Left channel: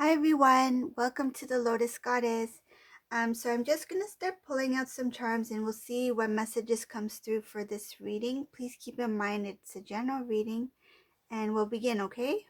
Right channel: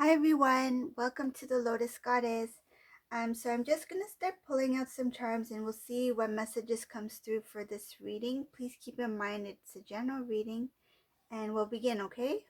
Hi everyone, welcome to the Lotus Goddess. So I'm just gonna start pulling out some charms and we'll see what messages comes through for this reading. Please keep in mind it's a general reading and we'll begin, okay?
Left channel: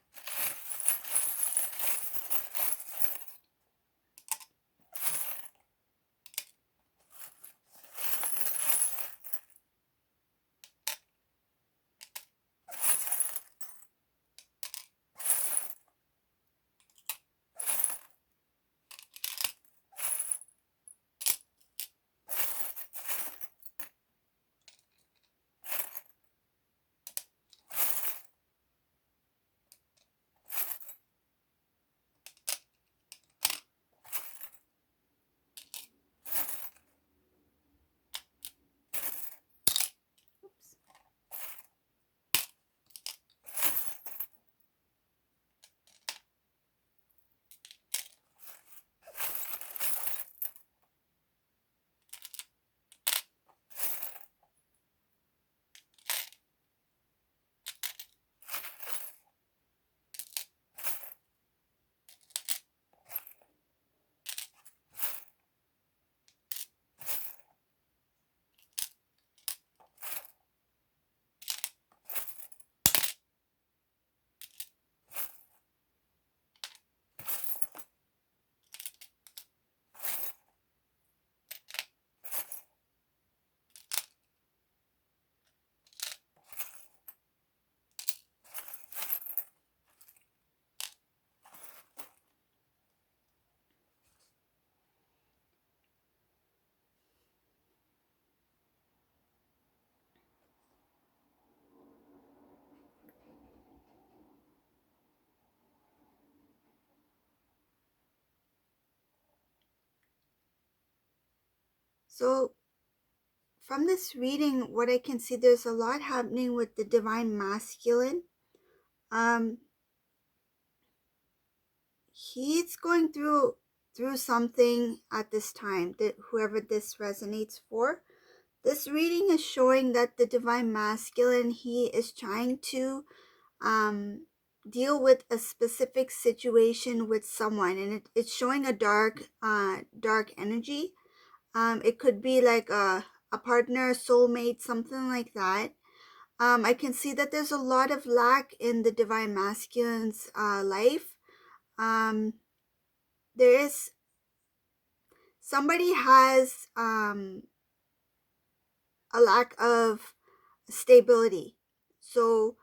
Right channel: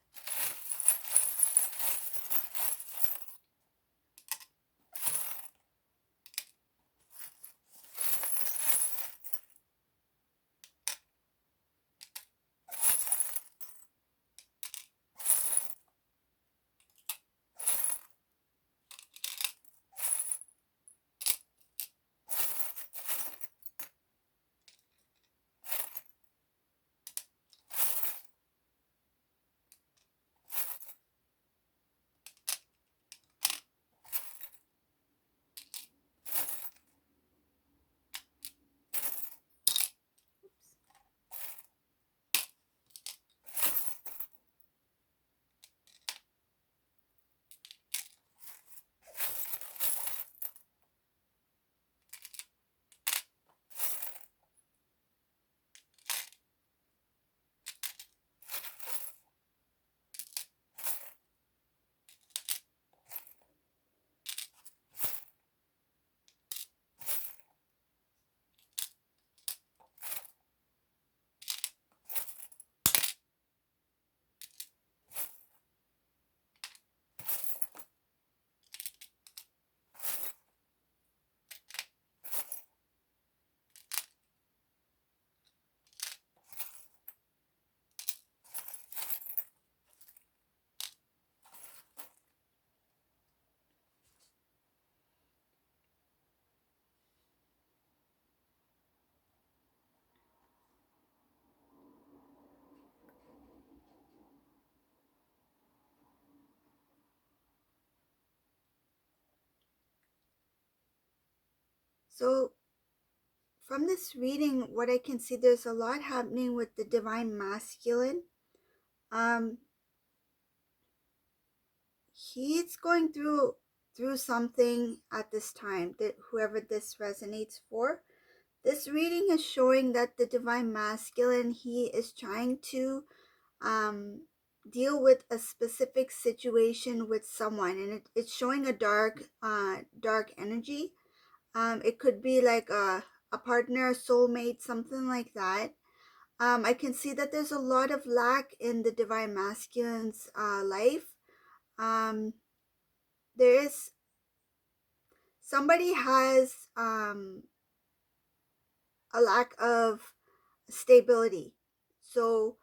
So from this reading, what I can see, there's a lot happening with the divine masculine. Um, he's going through something at this time, that whoever this resonates for. This reading is showing that the divine masculine, he is trying to um, deal with a specific situation with someone, and it's showing a dark energy. It could be like a partner, a soulmate, something like that. I can see that there's a lot of lack in the divine masculine's life. Um, there is somebody has a lack of stability, so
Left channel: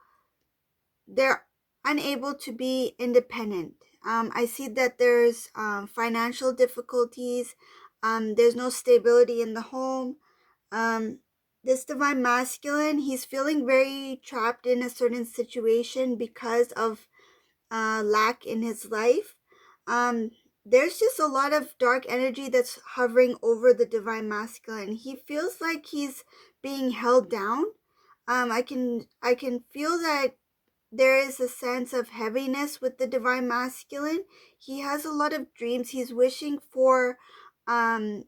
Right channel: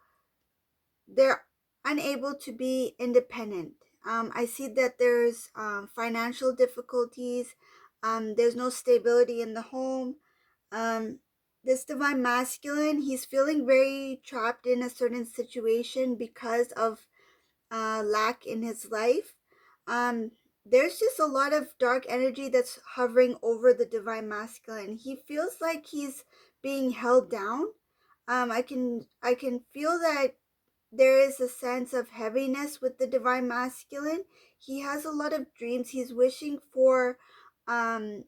they're unable to be independent. I see that there's financial difficulties. There's no stability in the home. Um, this divine masculine, he's feeling very trapped in a certain situation because of lack in his life. Um, there's just a lot of dark energy that's hovering over the divine masculine. He feels like he's being held down. I can feel that there is a sense of heaviness with the divine masculine. He has a lot of dreams. He's wishing for um,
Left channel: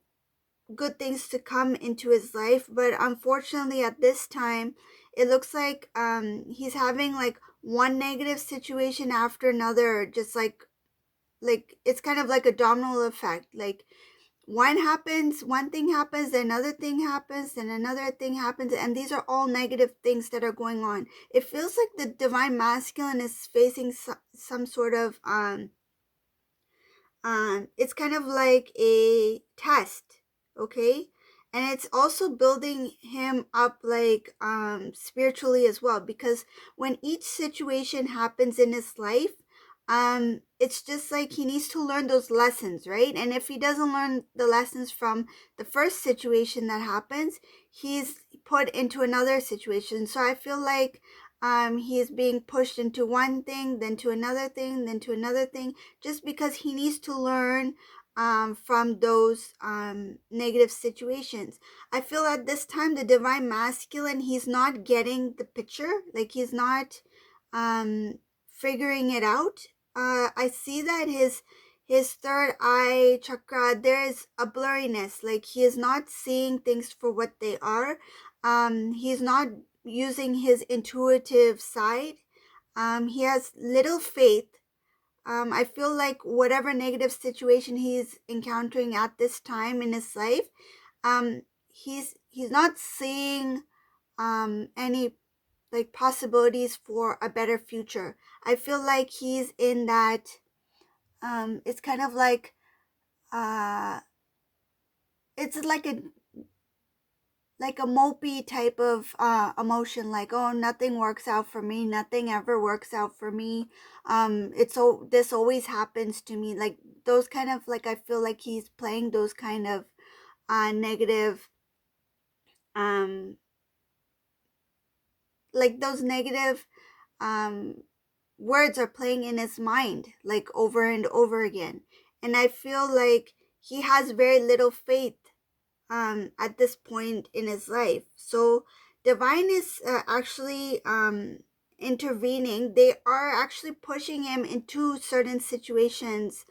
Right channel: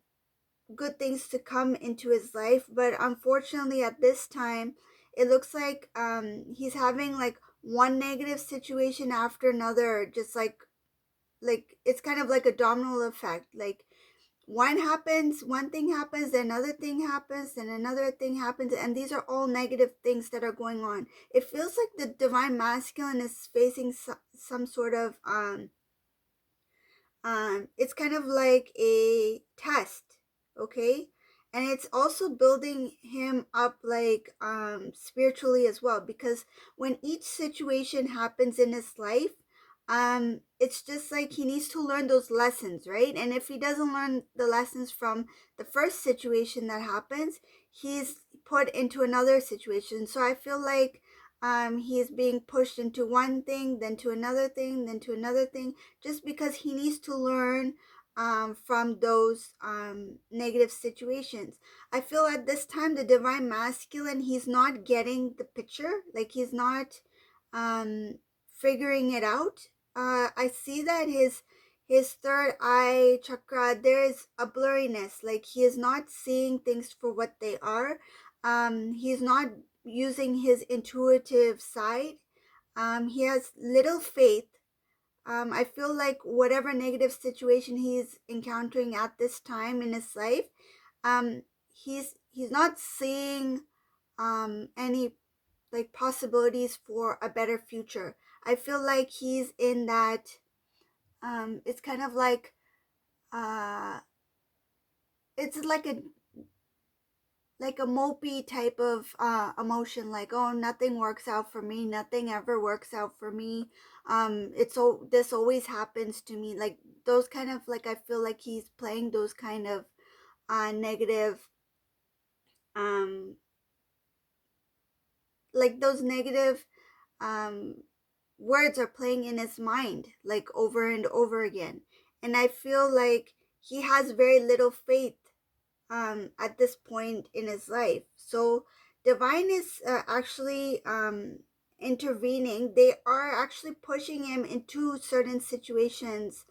good things to come into his life, but unfortunately at this time it looks like he's having like one negative situation after another, just like it's kind of like a domino effect. Like one thing happens, then another thing happens, then another thing happens, and these are all negative things that are going on. It feels like the divine masculine is facing some sort of it's kind of like a test, okay? And it's also building him up like spiritually as well, because when each situation happens in his life, it's just like he needs to learn those lessons, right? And if he doesn't learn the lessons from the first situation that happens, he's put into another situation. So I feel like he is being pushed into one thing, then to another thing, then to another thing, just because he needs to learn from those negative situations. I feel at this time the divine masculine, he's not getting the picture, like he's not figuring it out. I see that his third eye chakra, there is a blurriness, like he is not seeing things for what they are. He's not using his intuitive side. He has little faith. I feel like whatever negative situation he's encountering at this time in his life, um, he's not seeing any like possibilities for a better future. I feel like he's in that it's kind of like uh it's like a mopey type of emotion, like, oh, nothing works out for me, nothing ever works out for me, it's so this always happens to me, like those kind of, like, I feel like he's playing those kind of negative um like those negative um words are playing in his mind like over and over again. And I feel like he has very little faith at this point in his life. So divine is actually intervening. They are actually pushing him into certain situations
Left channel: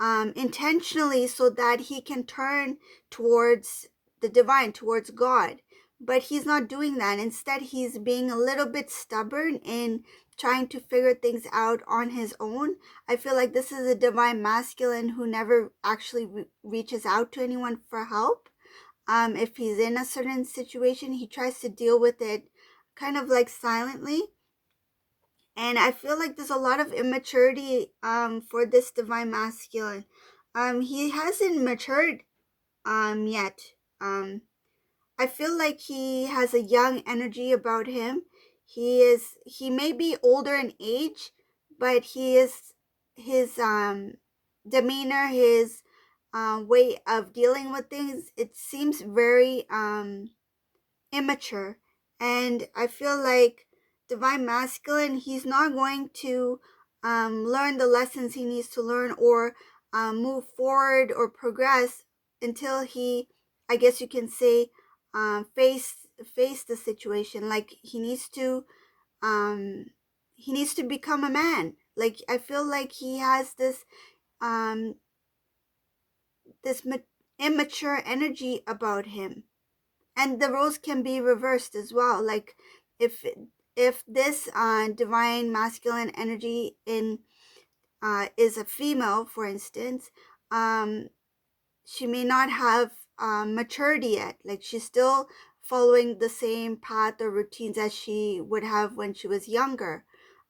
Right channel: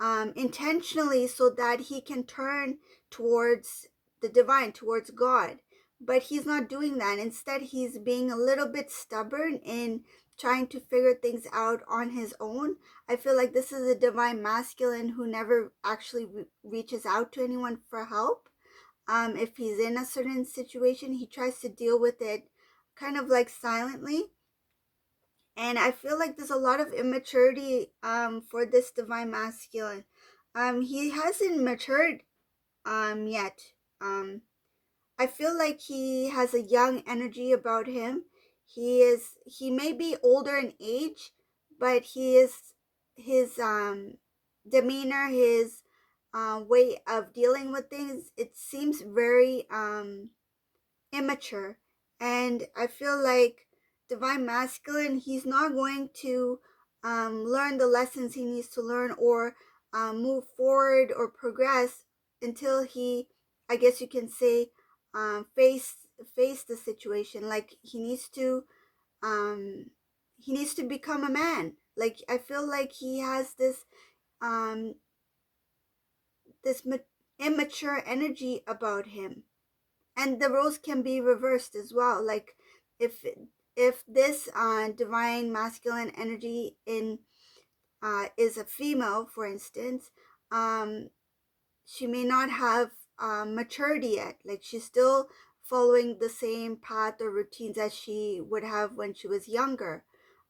intentionally so that he can turn towards the divine, towards God. But he's not doing that. Instead, he's being a little bit stubborn in trying to figure things out on his own. I feel like this is a divine masculine who never actually reaches out to anyone for help. If he's in a certain situation, he tries to deal with it kind of like silently. And I feel like there's a lot of immaturity for this divine masculine. He hasn't matured yet. Um I feel like he has a young energy about him. He may be older in age, but his demeanor, his way of dealing with things, it seems very immature. And I feel like divine masculine, he's not going to learn the lessons he needs to learn, or move forward or progress until he, I guess you can say, face the situation. Like um he needs to become a man. Like I feel like he has um this immature energy about him. And the roles can be reversed as well. Like if if this divine masculine energy in is a female, for instance, um she may not have maturity yet. Like she's still following the same path or routines as she would have when she was younger.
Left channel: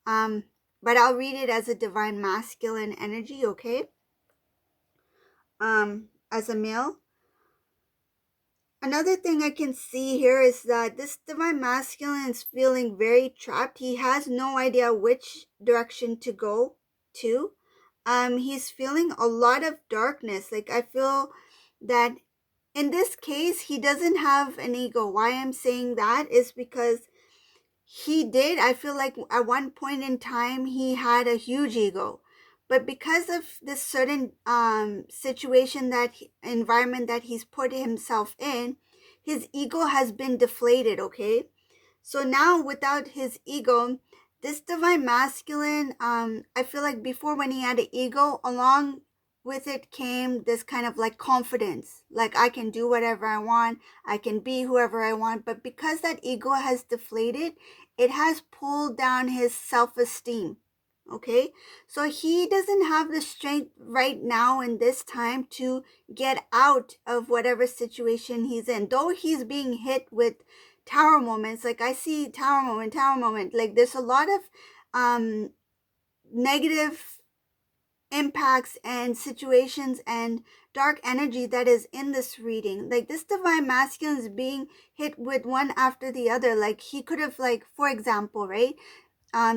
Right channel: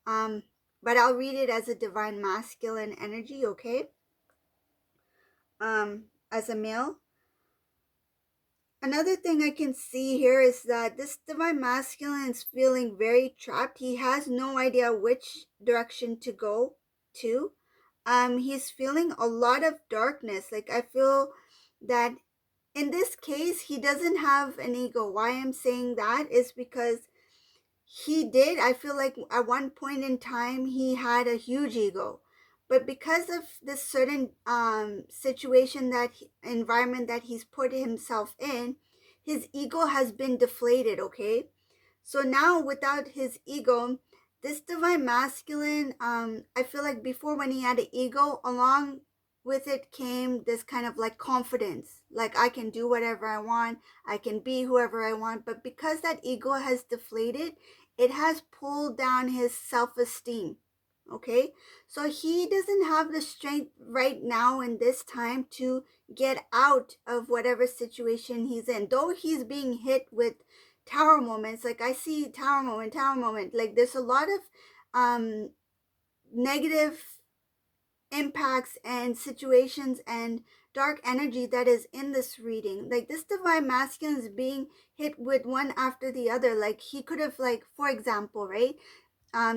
um but I'll read it as a divine masculine energy, okay? As a male, another thing I can see here is that this divine masculine is feeling very trapped. He has no idea which direction to go to. He's feeling a lot of darkness. Like I feel that in this case, he doesn't have an ego. Why I'm saying that is because he did, I feel like at one point in time he had a huge ego, but because of this certain situation, that environment that he's put himself in, his ego has been deflated, okay? So now without his ego, this divine masculine, I feel like before, when he had an ego, along with it came this kind of like confidence, like I can do whatever I want, I can be whoever I want. But because that ego has deflated, it has pulled down his self-esteem, okay? So he doesn't have the strength right now in this time to get out of whatever situation he's in, though he's being hit with tower moments. Like I see tower moment, like there's a lot of negative impacts and situations and dark energy that is in this reading. Like this divine masculine is being hit with one after the other. Like he could have, like, for example, right,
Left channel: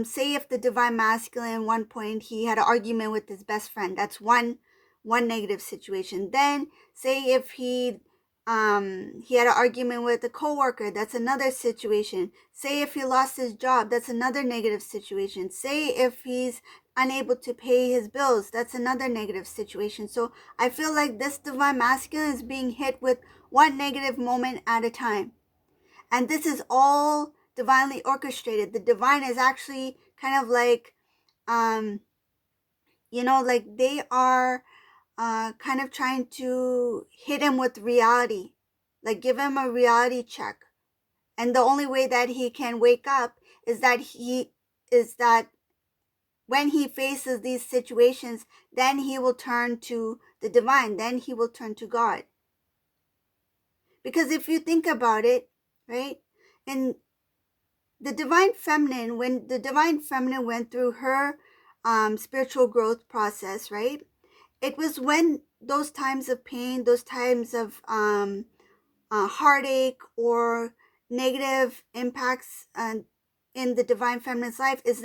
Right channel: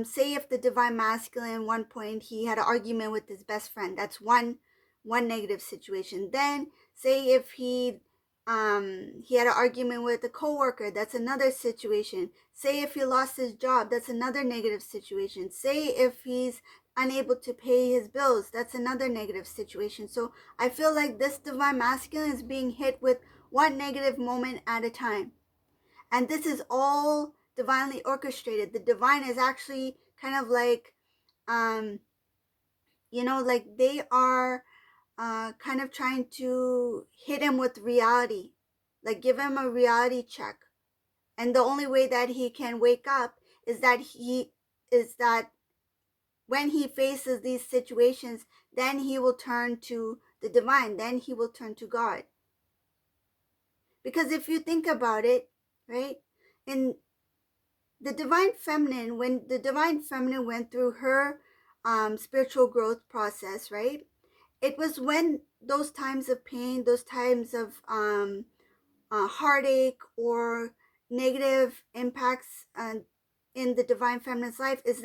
say if the divine masculine, one point he had an argument with his best friend, that's one negative situation. Then say if he had an argument with a coworker, that's another situation. Say if he lost his job, that's another negative situation. Say if he's unable to pay his bills, that's another negative situation. So I feel like this divine masculine is being hit with one negative moment at a time. And this is all divinely orchestrated. The divine is actually kind of like, um, like they are kind of trying to hit him with reality, like give him a reality check. And the only way that he can wake up is that when he faces these situations, then he will turn to the divine, then he will turn to God. Because if you think about it, right, and the divine feminine, when the divine feminine went through her spiritual growth process, right, it was when those times of pain, those times of heartache or negative impacts in the divine feminine's life, is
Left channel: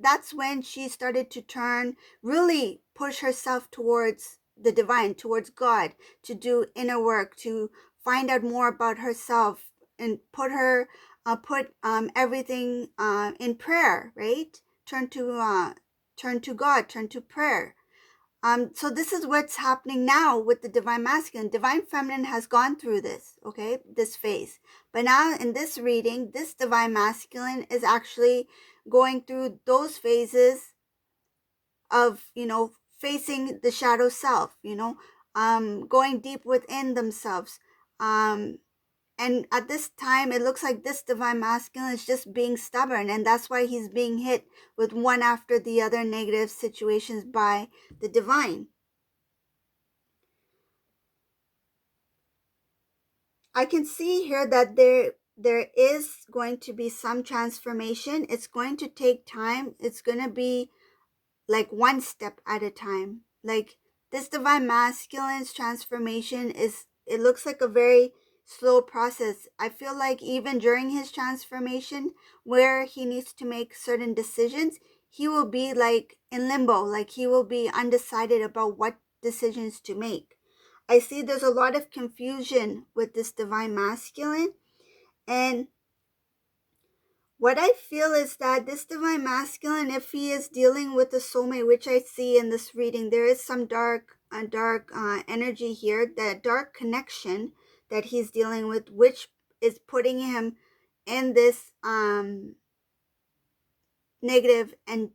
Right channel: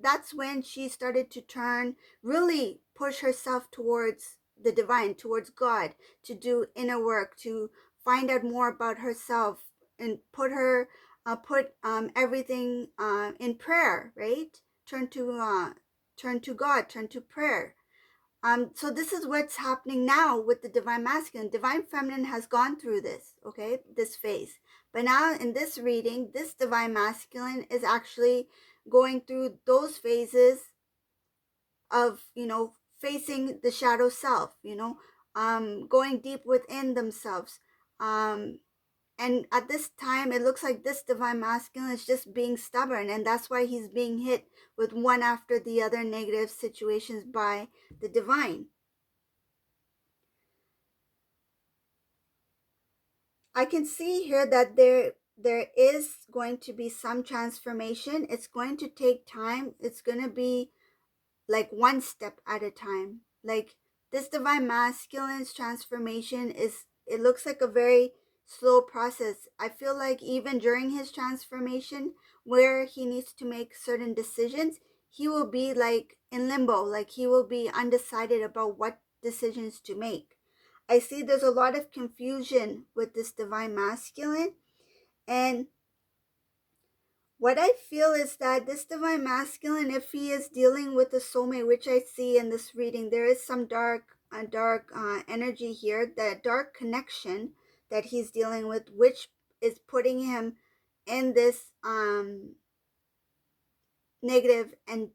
that's when she started to turn, really push herself towards the divine, towards God, to do inner work, to find out more about herself, and put everything in prayer, right? Turn to God, turn to prayer. So this is what's happening now with the divine masculine. Divine feminine has gone through this, okay, this phase. But now in this reading, this divine masculine is actually going through those phases of, facing the shadow self, going deep within themselves. And at this time, it looks like this divine masculine is just being stubborn, and that's why he's being hit with one after the other negative situations by the divine. I can see here that there is going to be some transformation. It's going to take time. It's going to be like one step at a time. Like this divine masculine's transformation is, it looks like a very slow process. I feel like even during his transformation, where he needs to make certain decisions, he will be like in limbo, like he will be undecided about what decisions to make. I see there's a lot of confusion with this divine masculine. And what I feel is that this divine masculine, if he is dealing with a soulmate, which I see in this reading, there is some dark energy here, that dark connection that he's dealing with, which is putting him in this negative and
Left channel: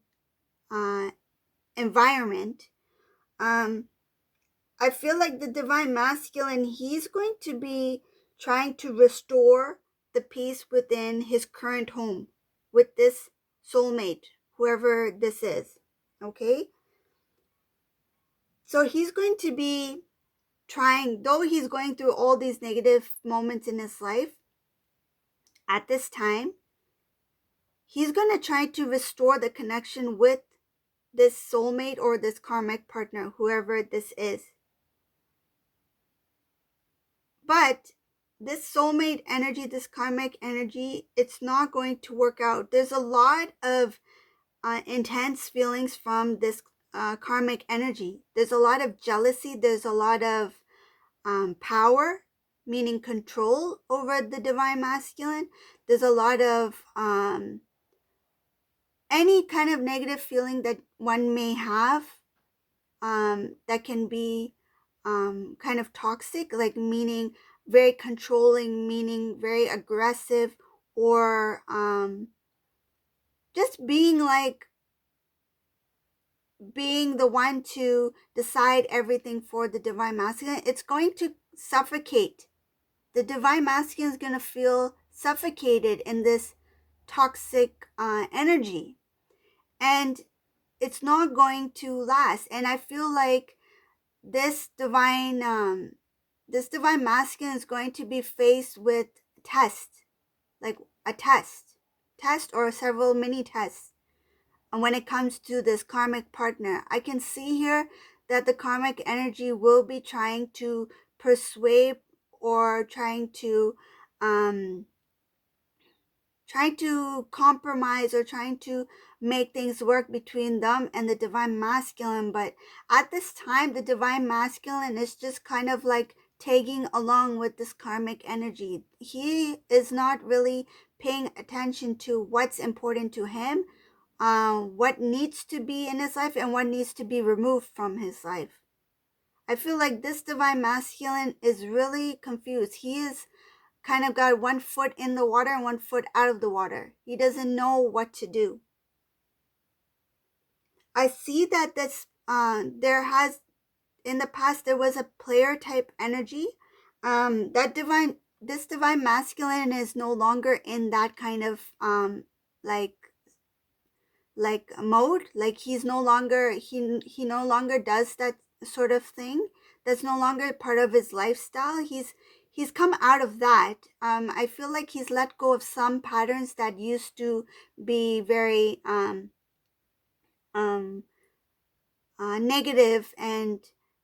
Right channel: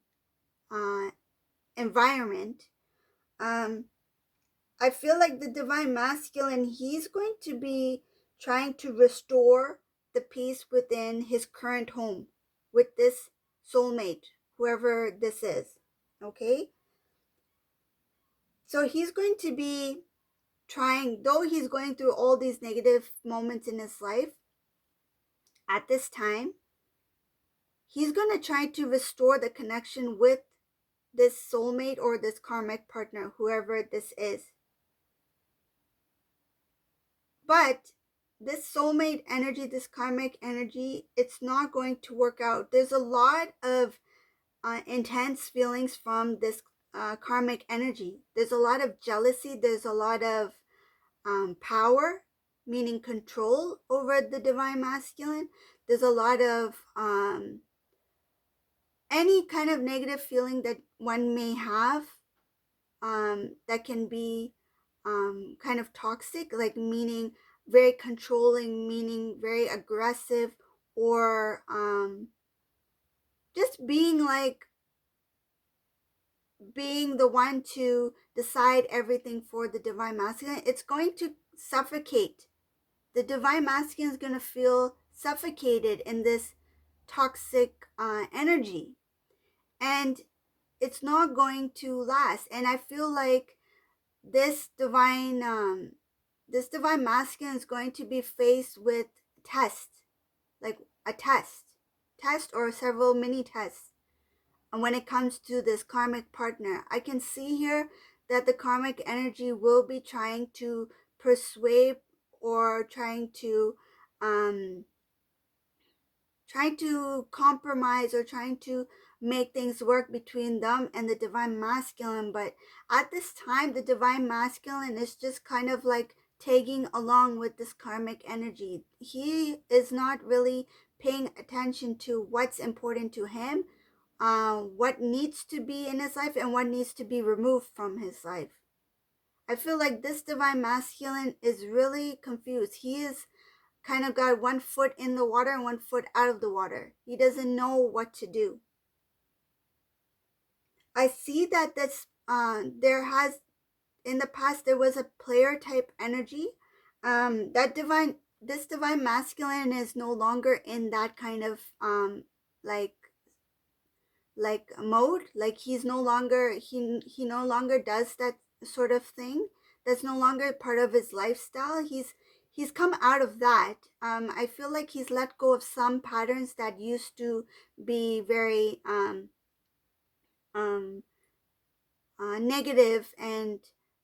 environment. I feel like the divine masculine, he's going to be trying to restore the peace within his current home with this soulmate, whoever this is. Okay? So he's going to be trying, though he's going through all these negative moments in his life, at this time, he's going to try to restore the connection with this soulmate or this karmic partner, whoever this is. But this soulmate energy, this karmic energy, it's not going to work out. There's a lot of intense feelings from this karmic energy. There's a lot of jealousy. There's a lot of power, meaning control over the divine masculine. There's a lot of any kind of negative feeling that one may have that can be kind of toxic, like meaning very controlling, meaning very aggressive, or just being the one to decide everything for the divine masculine. It's going to suffocate. The divine masculine is going to feel suffocated in this toxic energy, and it's not going to last. And I feel like this divine masculine is going to be faced with test, like a test or several mini tests. And when it comes to this karmic partner, I can see here that the karmic energy will be trying to persuade, or trying to compromise, or trying to make things work between them and the divine masculine. But at this time, the divine masculine is just kind of like tagging along with this karmic energy. He is not really paying attention to what's important to him, what needs to be in his life and what needs to be removed from his life. I feel like this divine masculine is really confused. He is kind of got one foot in the water and one foot out of the water. He doesn't know what to do. I see that there has, in the past, there was a player type energy. This divine masculine is no longer in that kind of like like mode. Like he's no longer, he no longer does that sort of thing. That's no longer part of his lifestyle. He's come out of that. I feel like he's let go of some patterns that used to be very um negative, and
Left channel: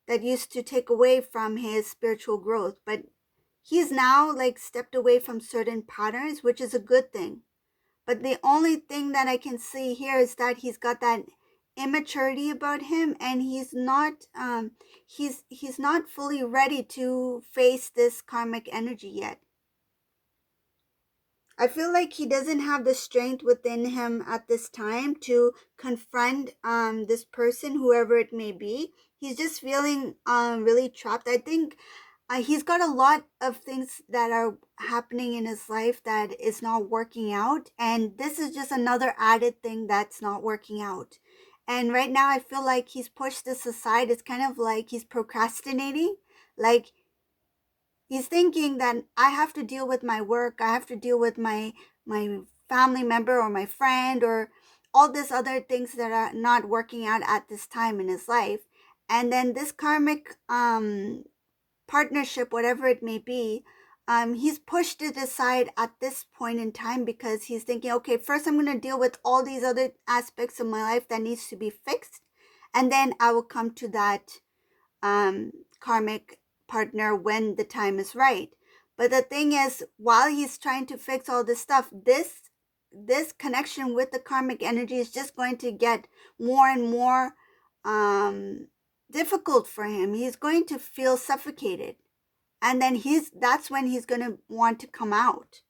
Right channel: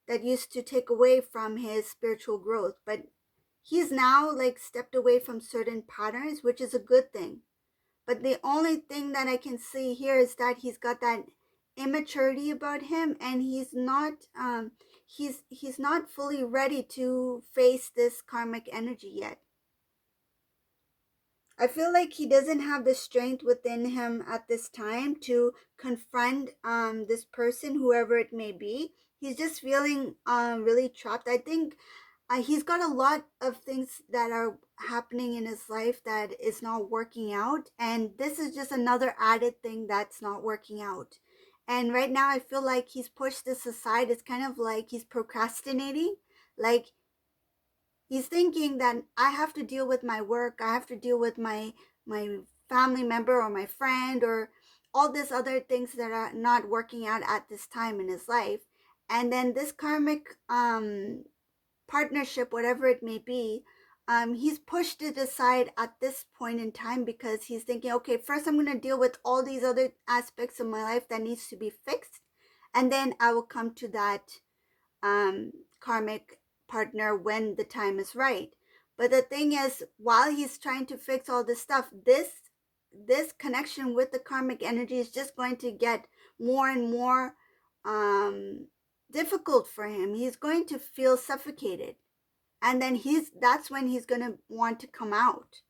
that used to take away from his spiritual growth. But he's now like stepped away from certain patterns, which is a good thing. But the only thing that I can see here is that he's got that immaturity about him, and he's not fully ready to face this karmic energy yet. I feel like he doesn't have the strength within him at this time to confront this person, whoever it may be. He's just feeling really trapped. I think he's got a lot of things that are happening in his life that is not working out, and this is just another added thing that's not working out. And right now I feel like he's pushed this aside. It's kind of like he's procrastinating. Like he's thinking that I have to deal with my work, I have to deal with my family member or my friend or all these other things that are not working out at this time in his life. And then this karmic partnership, whatever it may be, he's pushed it aside at this point in time because he's thinking, okay, first I'm going to deal with all these other aspects of my life that needs to be fixed, and then I will come to that karmic partner when the time is right. But the thing is, while he's trying to fix all this stuff, this connection with the karmic energy is just going to get more and more difficult for him. He's going to feel suffocated, and then that's when he's going to want to come out.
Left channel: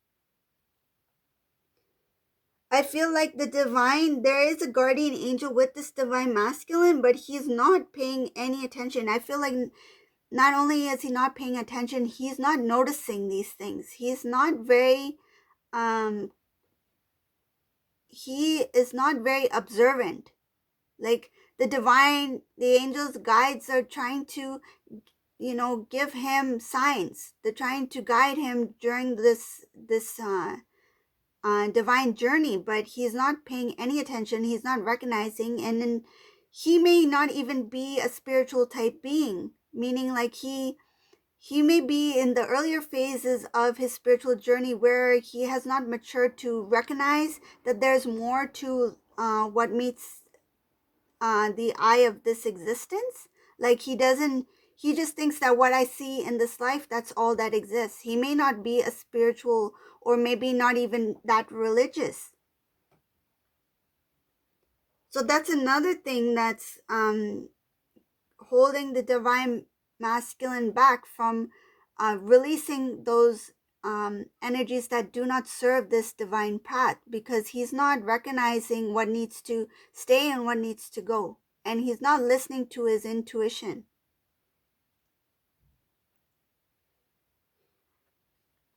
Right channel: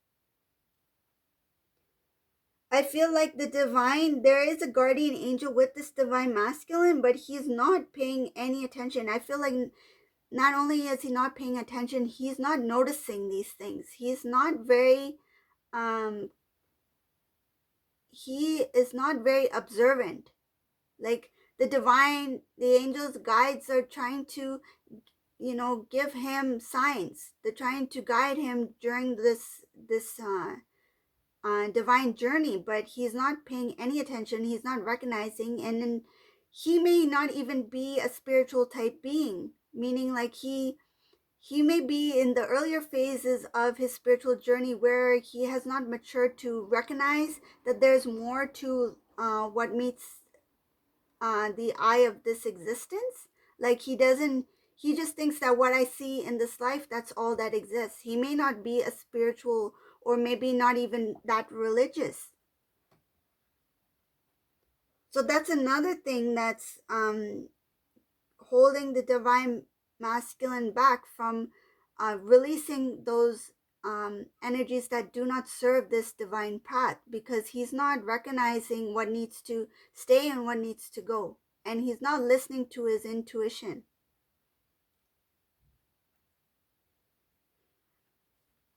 I feel like there is a guardian angel with this divine masculine, but he's not paying any attention. I feel like not only is he not paying attention, he's not noticing these things. He's not very he is not very observant. Like the angels guides are trying to, give him signs. They're trying to guide him during this divine journey, but he's not paying any attention. He's not recognizing, and then he may not even be a spiritual type being, meaning like he may be in the earlier phases of his spiritual journey where he has not matured to recognize that there's more to what meets the eye of this existence. Like he just thinks that what I see in this life, that's all that exists. He may not be a spiritual, or maybe not even that religious. So that's another thing that's holding the divine masculine back from releasing those energies that do not serve this divine path, because he's not recognizing what needs to stay and what needs to go, and he's not listening to his intuition.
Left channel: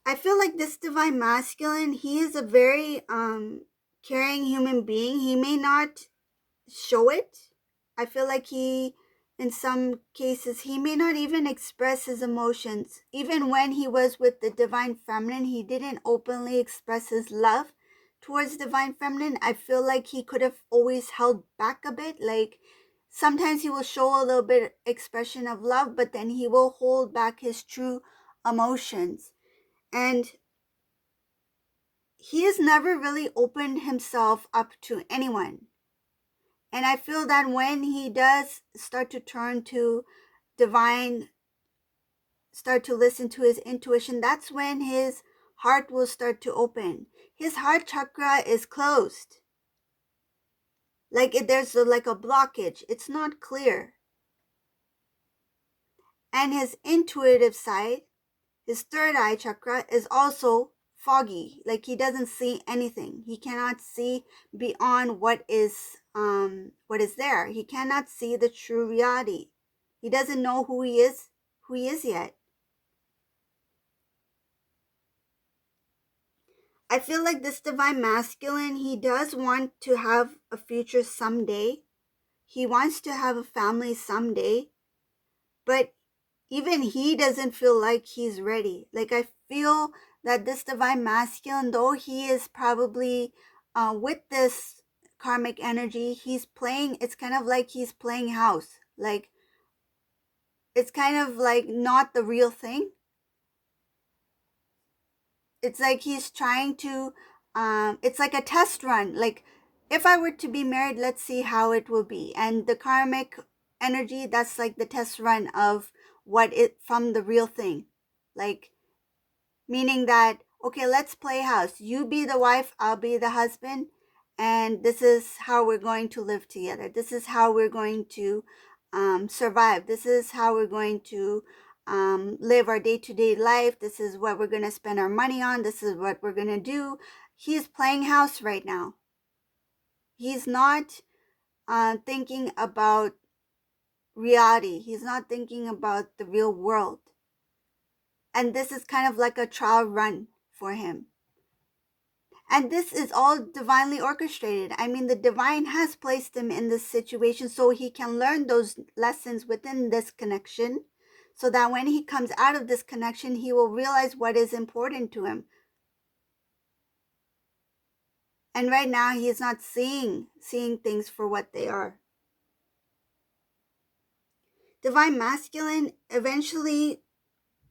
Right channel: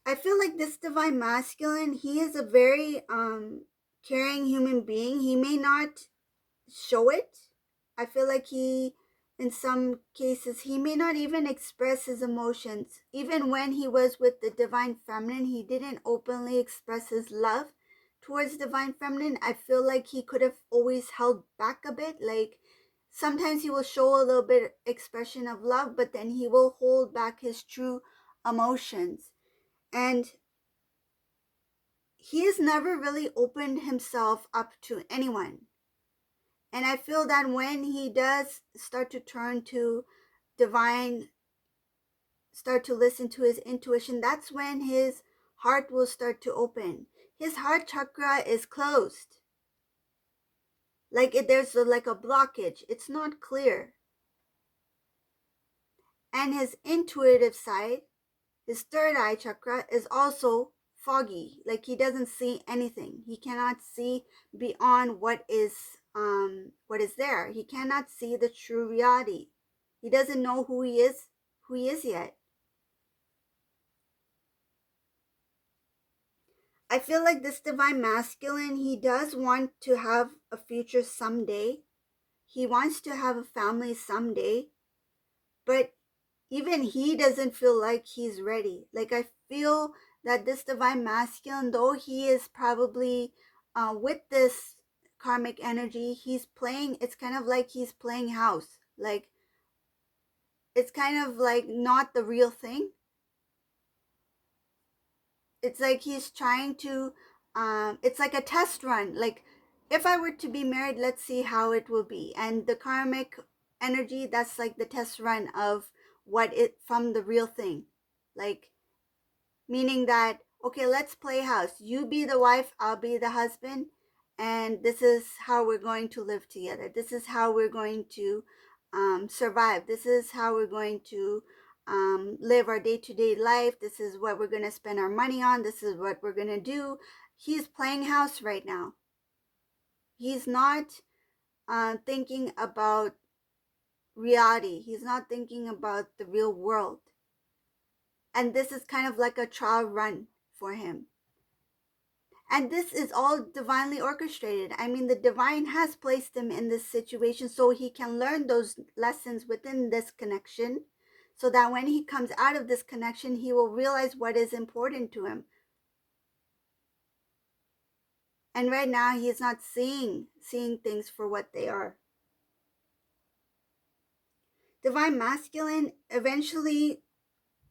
I feel like this divine masculine, he is a very caring human being. He may not show it. I feel like in some cases, he may not even express his emotions. Even when he was with the divine feminine, he didn't openly express his love towards divine feminine. I feel like he could have always held back a bit. Like sometimes he will show a little bit expression of love, but then he will hold back his true emotions. And he has never really opened himself up to anyone. And I feel that when he does start to turn to divine, start to listen to his intuition, that's when his heart will start to open. His heart chakra is closed. Like there's like a blockage. It's not clear. And his intuitive side, his third eye chakra, is also foggy. Like he doesn't see anything. He cannot see beyond what is there. He cannot see the true reality. He doesn't know who he is yet. I feel like this divine masculine, he does want to have a future someday. He wants to have a family someday, but even he doesn't feel like he's ready. Like I feel that this divine masculine, though he is probably with this karmic energy, it's kind of like he's playing house. Like, it's kind of like not the real thing. It's like he's trying to, it's like a test run. Like, if I were to be married, let's see how it will be. And the karmic energy, that's like the test run of what it from the real thing. Like, meaning that, okay, let's play house. You be the wife, I'll be the husband, and this is how we're going to live together. This is how we're going to survive. This is how we're going to live our day-to-day life. This is what we're going to spend our money on. This is what we're going to do. He's playing house right now. He's not thinking about reality. He's not thinking about the real world. And this is kind of like a trial run for him. And this is all divinely orchestrated. I mean, the divine has placed him in this situation so he can learn those lessons within this connection, so that when he comes out of this connection, he will realize what is important to him. And right now, he is not seeing things for what they are. Divine masculine, eventually,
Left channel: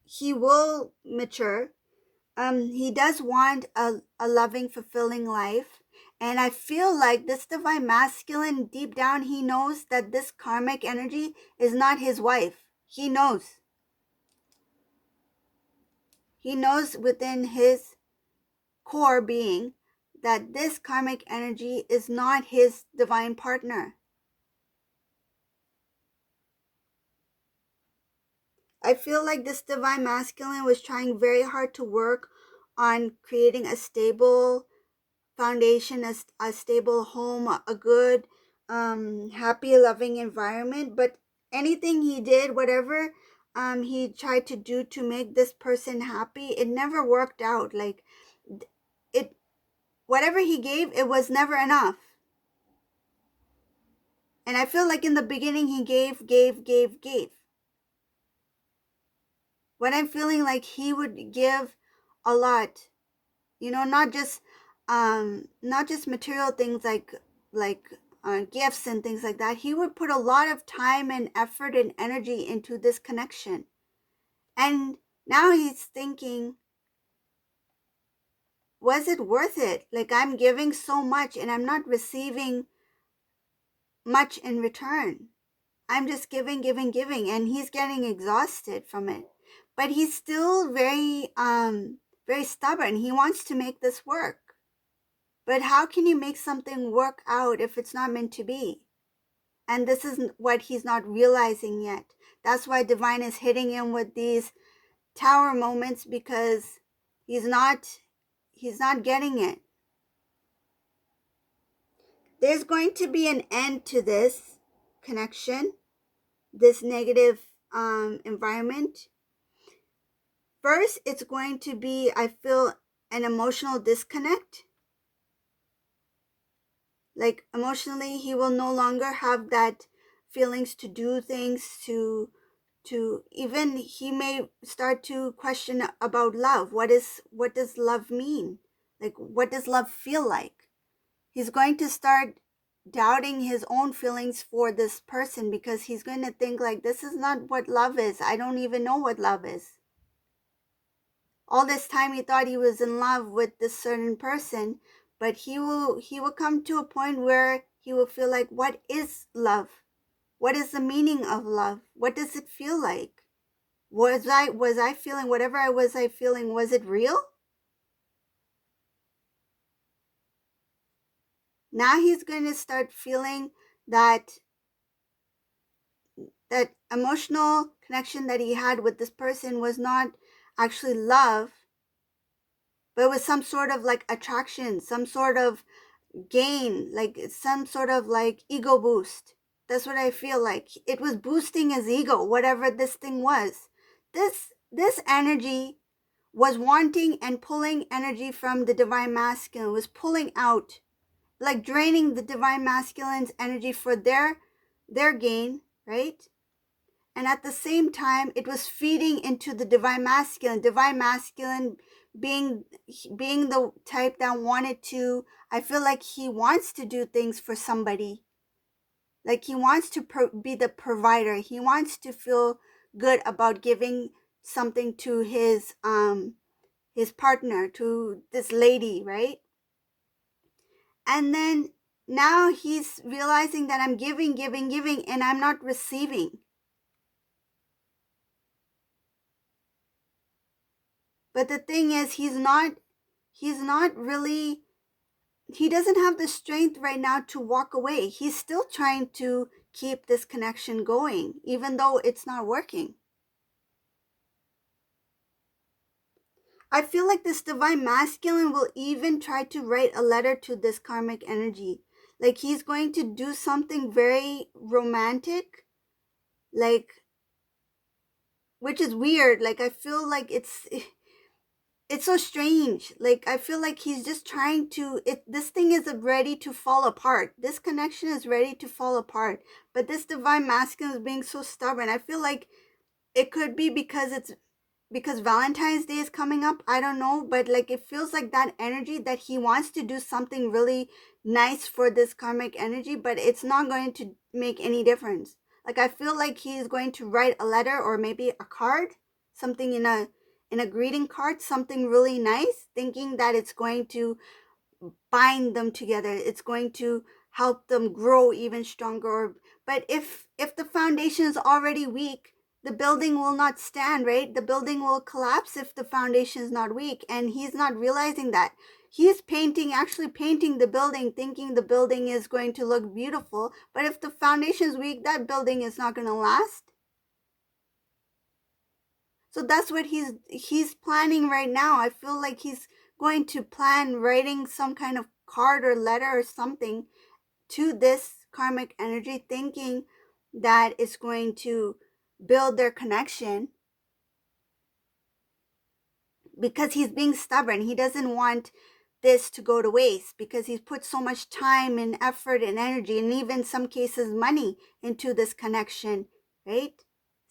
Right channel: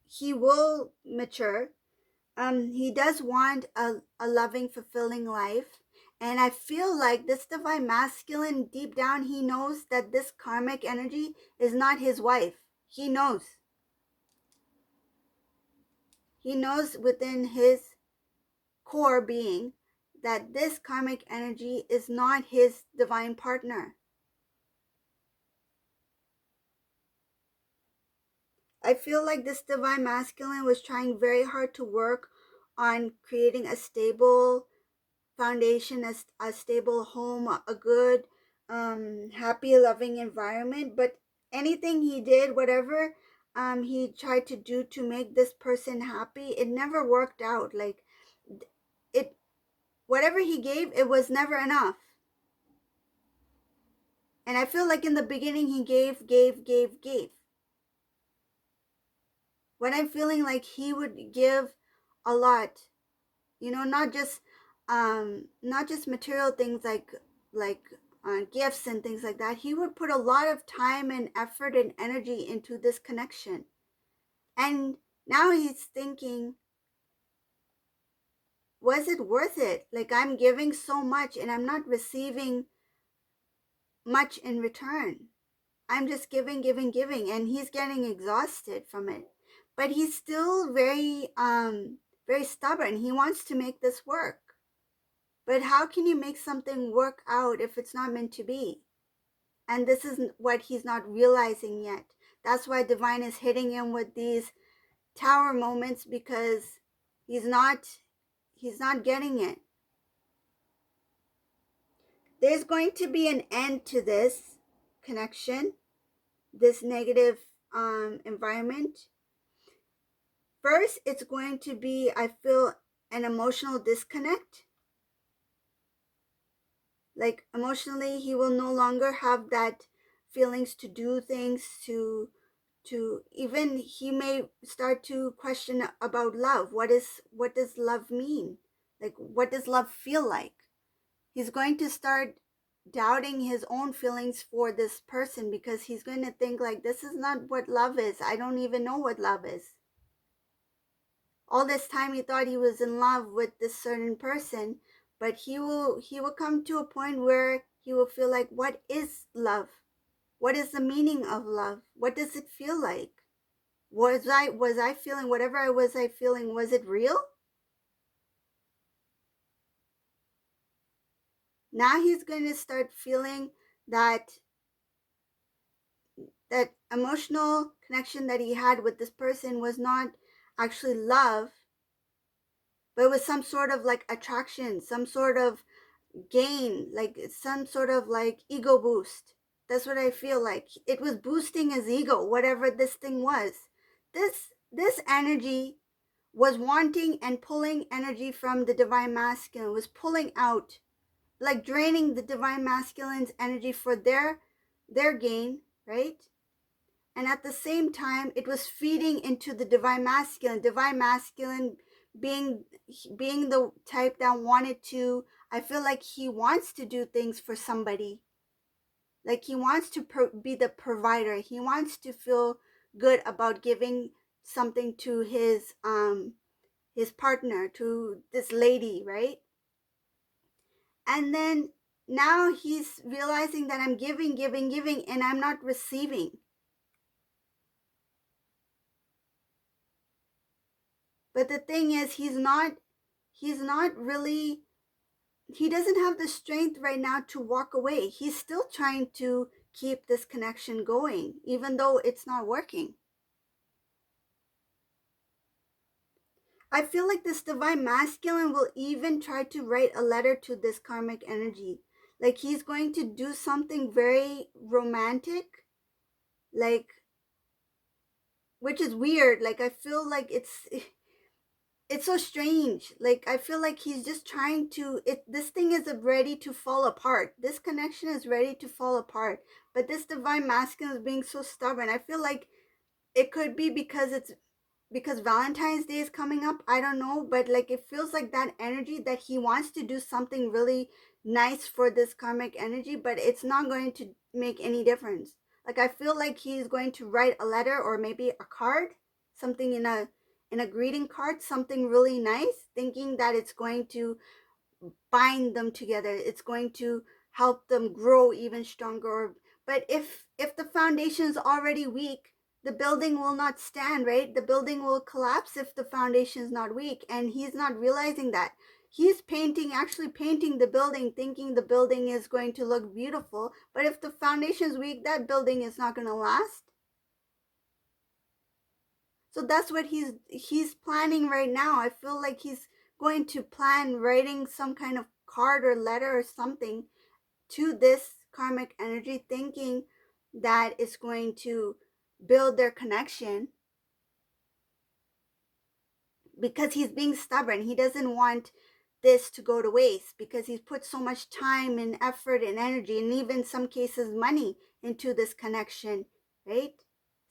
he will mature. He does want a loving, fulfilling life. And I feel like this divine masculine, deep down, he knows that this karmic energy is not his wife. He knows. He knows within his core being that this karmic energy is not his divine partner. I feel like this divine masculine was trying very hard to work on creating a stable foundation, a stable home, a good, happy, loving environment. But anything he did, whatever he tried to do to make this person happy, it never worked out. Like, it, whatever he gave, it was never enough. And I feel like in the beginning he gave. When I'm feeling like he would give a lot, not just material things like gifts and things like that. He would put a lot of time and effort and energy into this connection. And now he's thinking, was it worth it? Like, I'm giving so much and I'm not receiving much in return. I'm just giving, and he's getting exhausted from it. But he's still very stubborn. He wants to make this work. But how can you make something work out if it's not meant to be? And this is what he's not realizing yet. That's why divine is hitting him with these tower moments, because he's not getting it. There's going to be an end to this connection, this negative environment. First, it's going to be, I feel, an emotional disconnect. Like, emotionally, he will no longer have that feelings to do things, to even, he may start to question about love. What does love mean? Like, what does love feel like? He's going to start doubting his own feelings for this person, because he's going to think like, this is not what love is. I don't even know what love is. All this time he thought he was in love with this certain person, but he will come to a point where he will feel like, what is love? What is the meaning of love? What does it feel like? Was I feeling whatever I was feeling, was it real? Now he's going to start feeling that emotional connection that he had with this person was not actually love, but it was some sort of like attraction, some sort of gain, like some sort of like ego boost. That's what I feel like. It was boosting his ego, whatever this thing was. This energy was wanting and pulling energy from the divine masculine, was pulling out, like draining the divine masculine's energy for their gain, right? And at the same time, it was feeding into the divine masculine being the type that wanted to I feel like he wants to do things for somebody. Like he wants to be the provider. He wants to feel good about giving something to his partner, to this lady, right? And then now he's realizing that I'm giving, and I'm not receiving. But the thing is, he's not really, he doesn't have the strength right now to walk away. He's still trying to keep this connection going, even though it's not working. I feel like this divine masculine will even try to write a letter to this karmic energy. Like he's going to do something very romantic, like, which is weird. Like I feel like it's so strange. Like I feel like he's just trying to, this thing is ready to fall apart. This connection is ready to fall apart. But this divine masculine is being so stubborn. I feel like it could be because Valentine's Day is coming up. I don't know, but like it feels like that energy that he wants to do something really nice for this karmic energy, but it's not going to make any difference. Like I feel like he's going to write a letter or maybe a card, something in a greeting card, something really nice, thinking that it's going to bind them together. It's going to help them grow even stronger. But if the foundation is already weak, the building will not stand, right? The building will collapse if the foundation is not weak. And he's not realizing that. He's actually painting the building, thinking the building is going to look beautiful. But if the foundation is weak, that building is not going to last. So that's what he's planning right now. I feel like he's going to plan writing some kind of card or letter or something to this karmic energy, thinking that it's going to build their connection, because he's being stubborn. He doesn't want this to go to waste, because he's put so much time and effort and energy, and even some cases money, into this connection, right?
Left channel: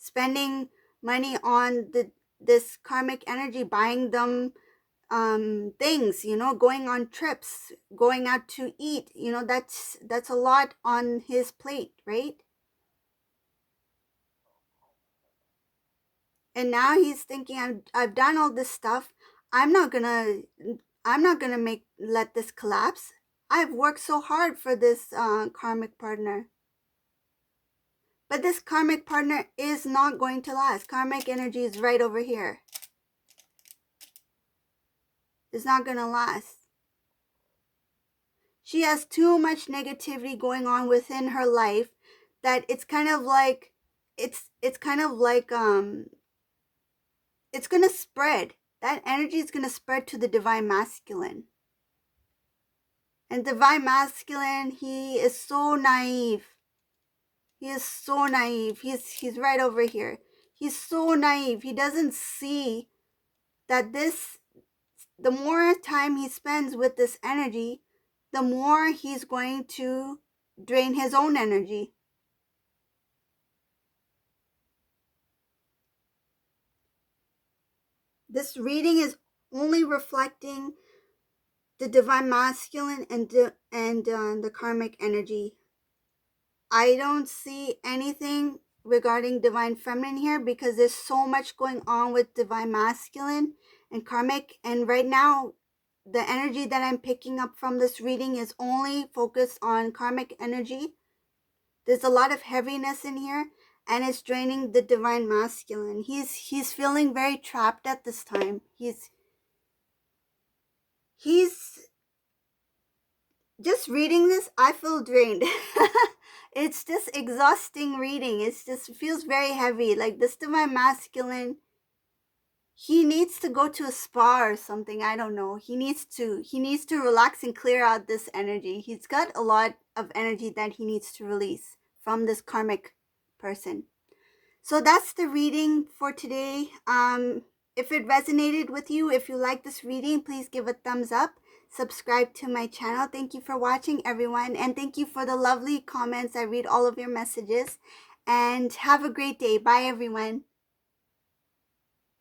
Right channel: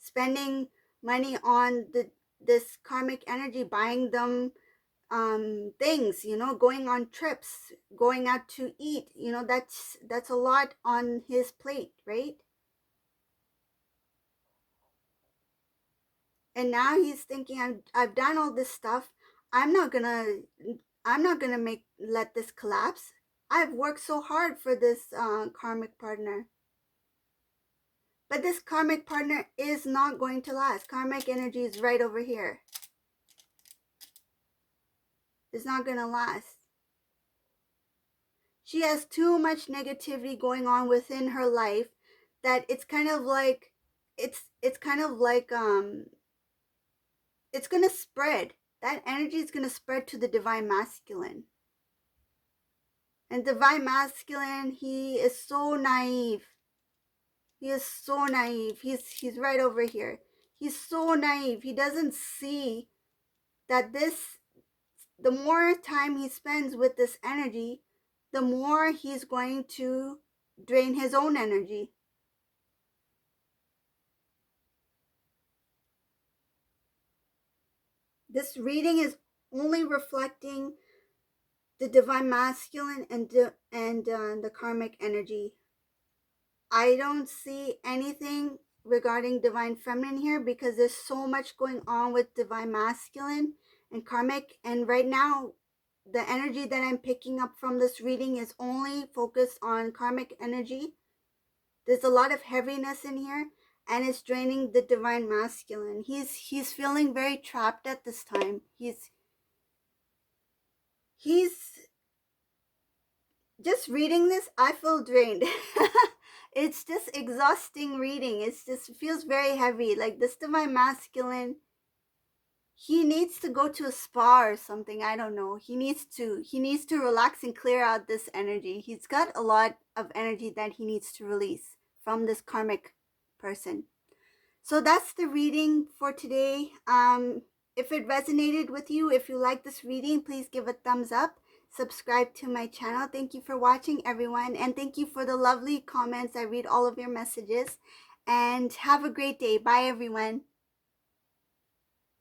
Spending money on this karmic energy, buying them things, going on trips, going out to eat, that's a lot on his plate, right? And now he's thinking, I've done all this stuff. I'm not gonna let this collapse. I've worked so hard for this karmic partner. But this karmic partner is not going to last. Karmic energy is right over here. It's not gonna last. She has too much negativity going on within her life that it's kind of like it's kind of like it's gonna spread. That energy is gonna spread to the divine masculine. And divine masculine, he is so naive. He is so naive. He's right over here. He's so naive. He doesn't see that the more time he spends with this energy, the more he's going to drain his own energy. This reading is only reflecting the divine masculine and the karmic energy. I don't see anything regarding divine feminine here, because there's so much going on with divine masculine and karmic. And right now, the energy that I'm picking up from this reading is only focused on karmic energy. There's a lot of heaviness in here, and it's draining the divine masculine. He's feeling very trapped at this time. He's just reading this, I feel drained. It's just exhausting reading. It just feels very heavy. Like this divine masculine, he needs to go to a spa or something. I don't know. He needs to relax and clear out this energy. He's got a lot of energy that he needs to release from this karmic person. So that's the reading for today. If it resonated with you, if you like this reading, please give a thumbs up. Subscribe to my channel. Thank you for watching, everyone. And thank you for the lovely comments. I read all of your messages. And have a great day. Bye, everyone.